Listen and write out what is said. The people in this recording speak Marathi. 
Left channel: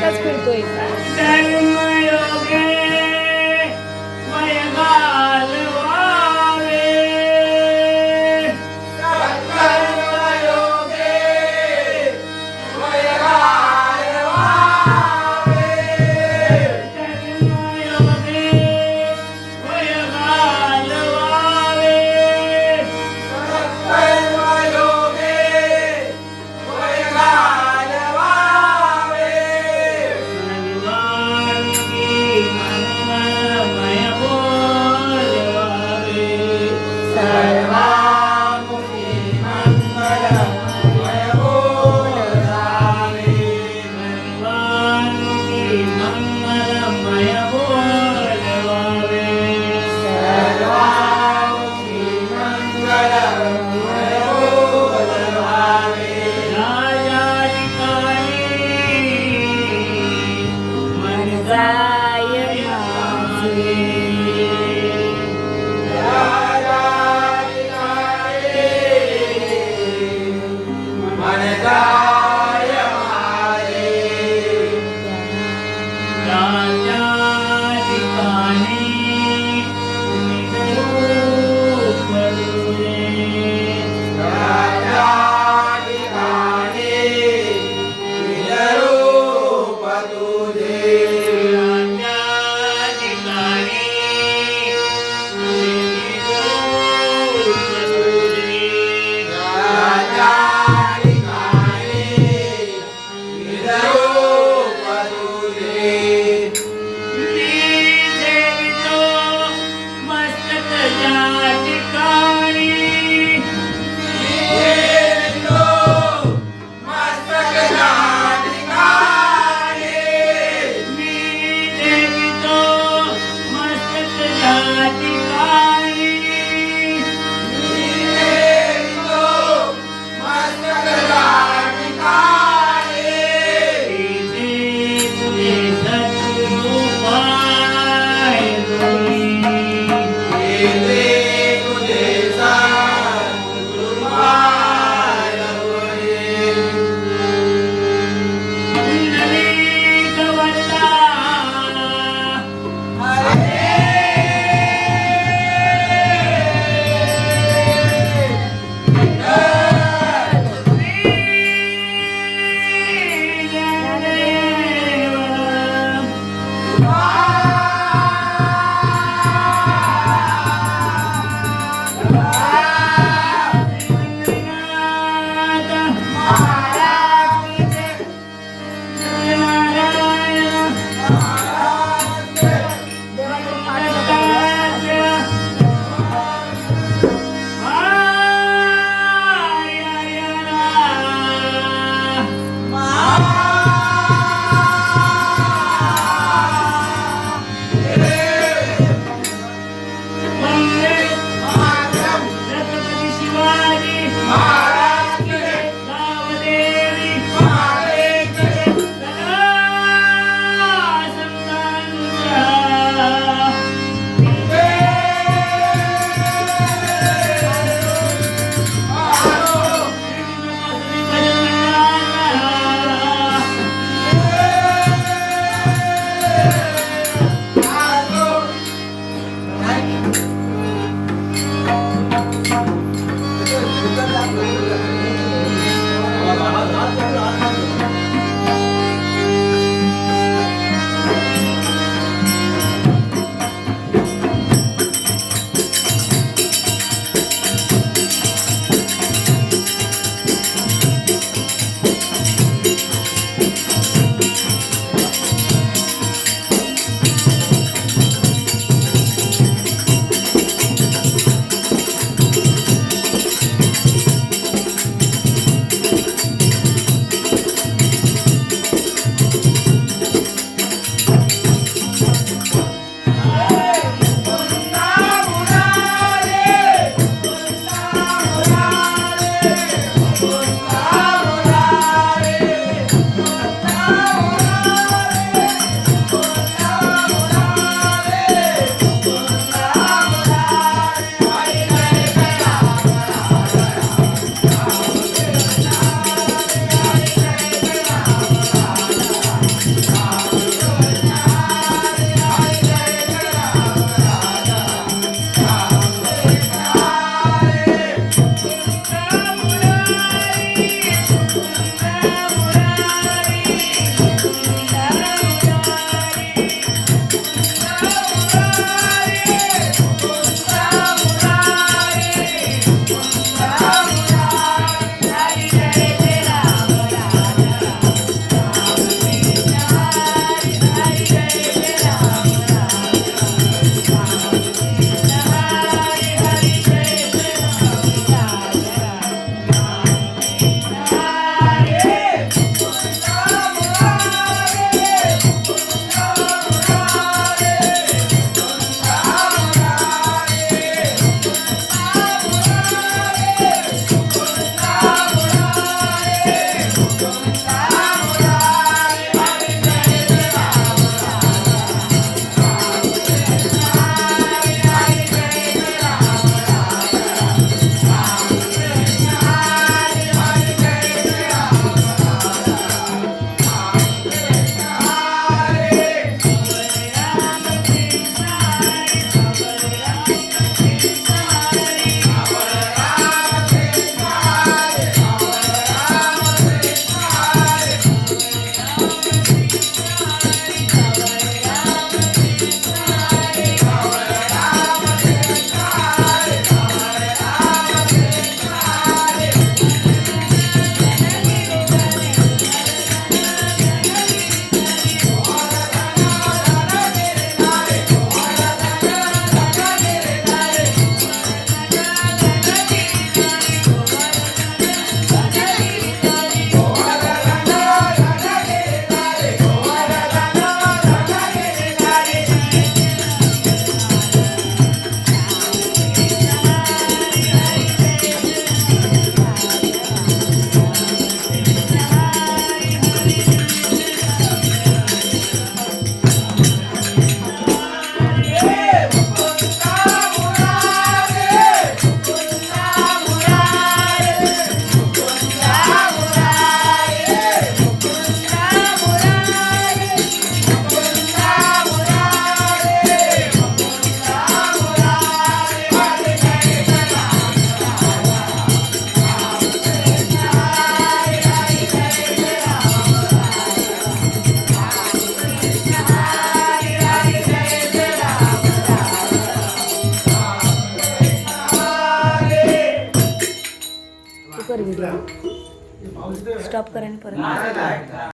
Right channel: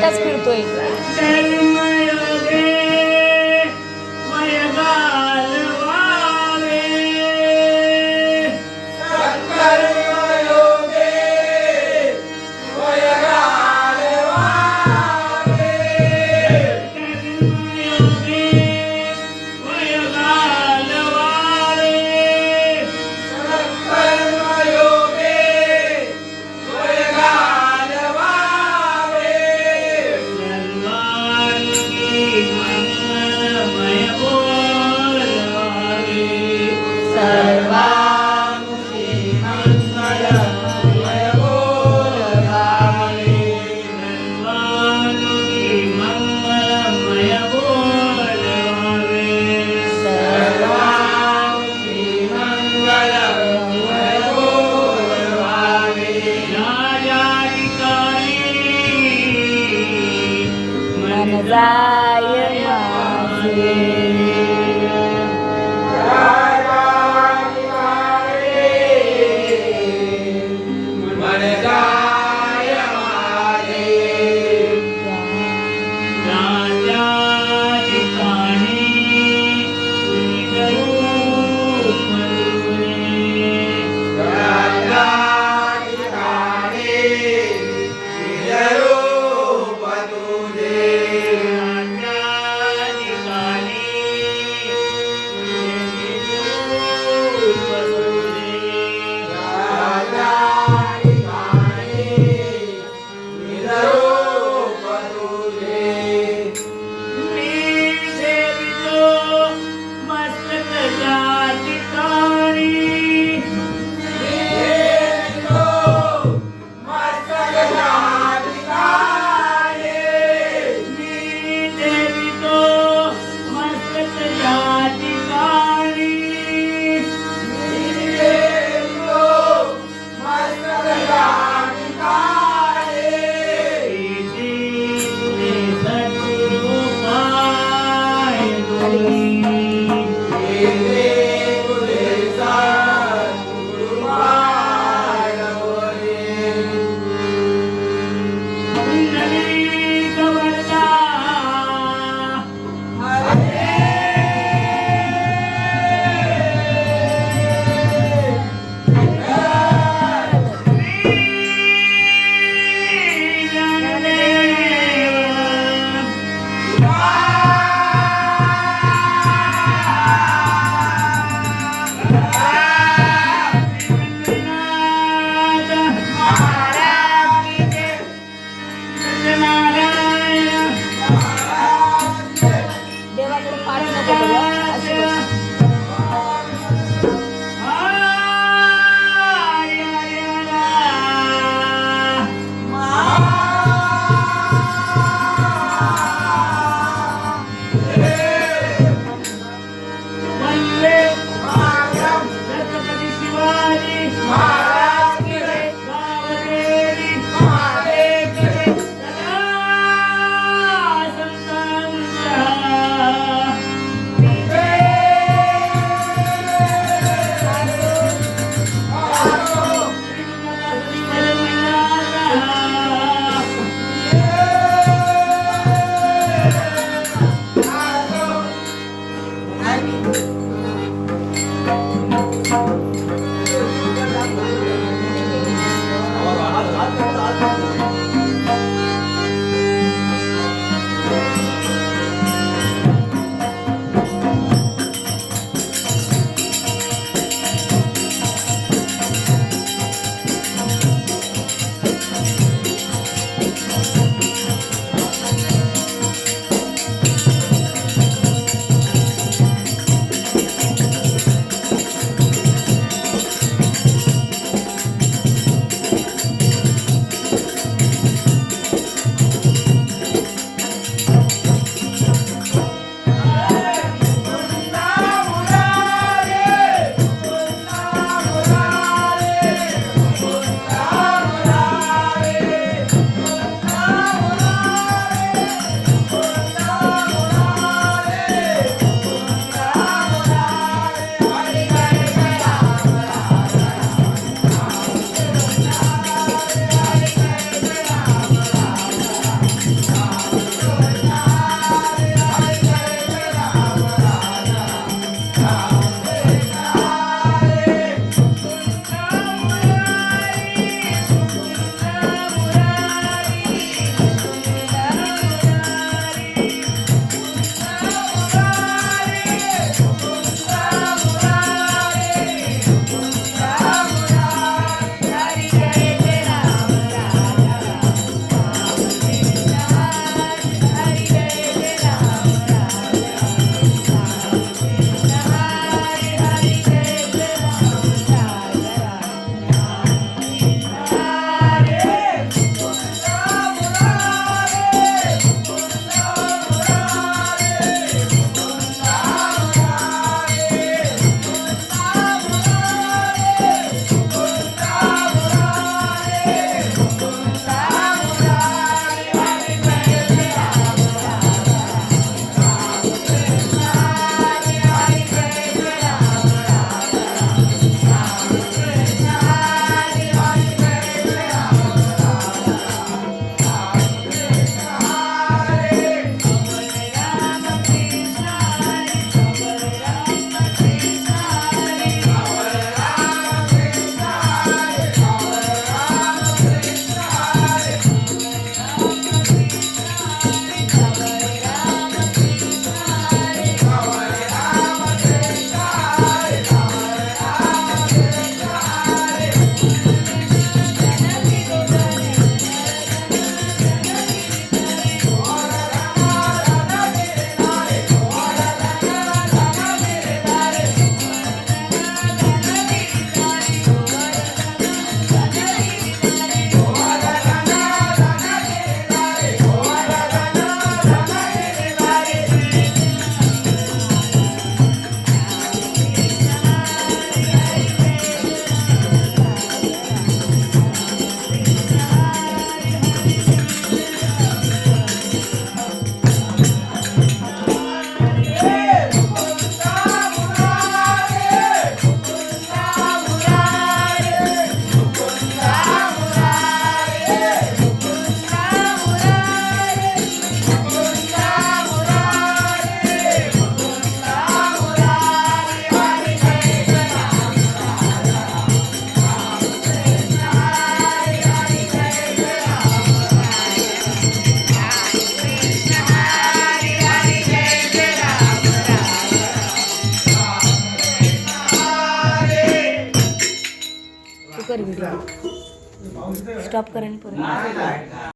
एकटाच फिरतोय. Messiah, my Yeah. स्टॉप करेन परत.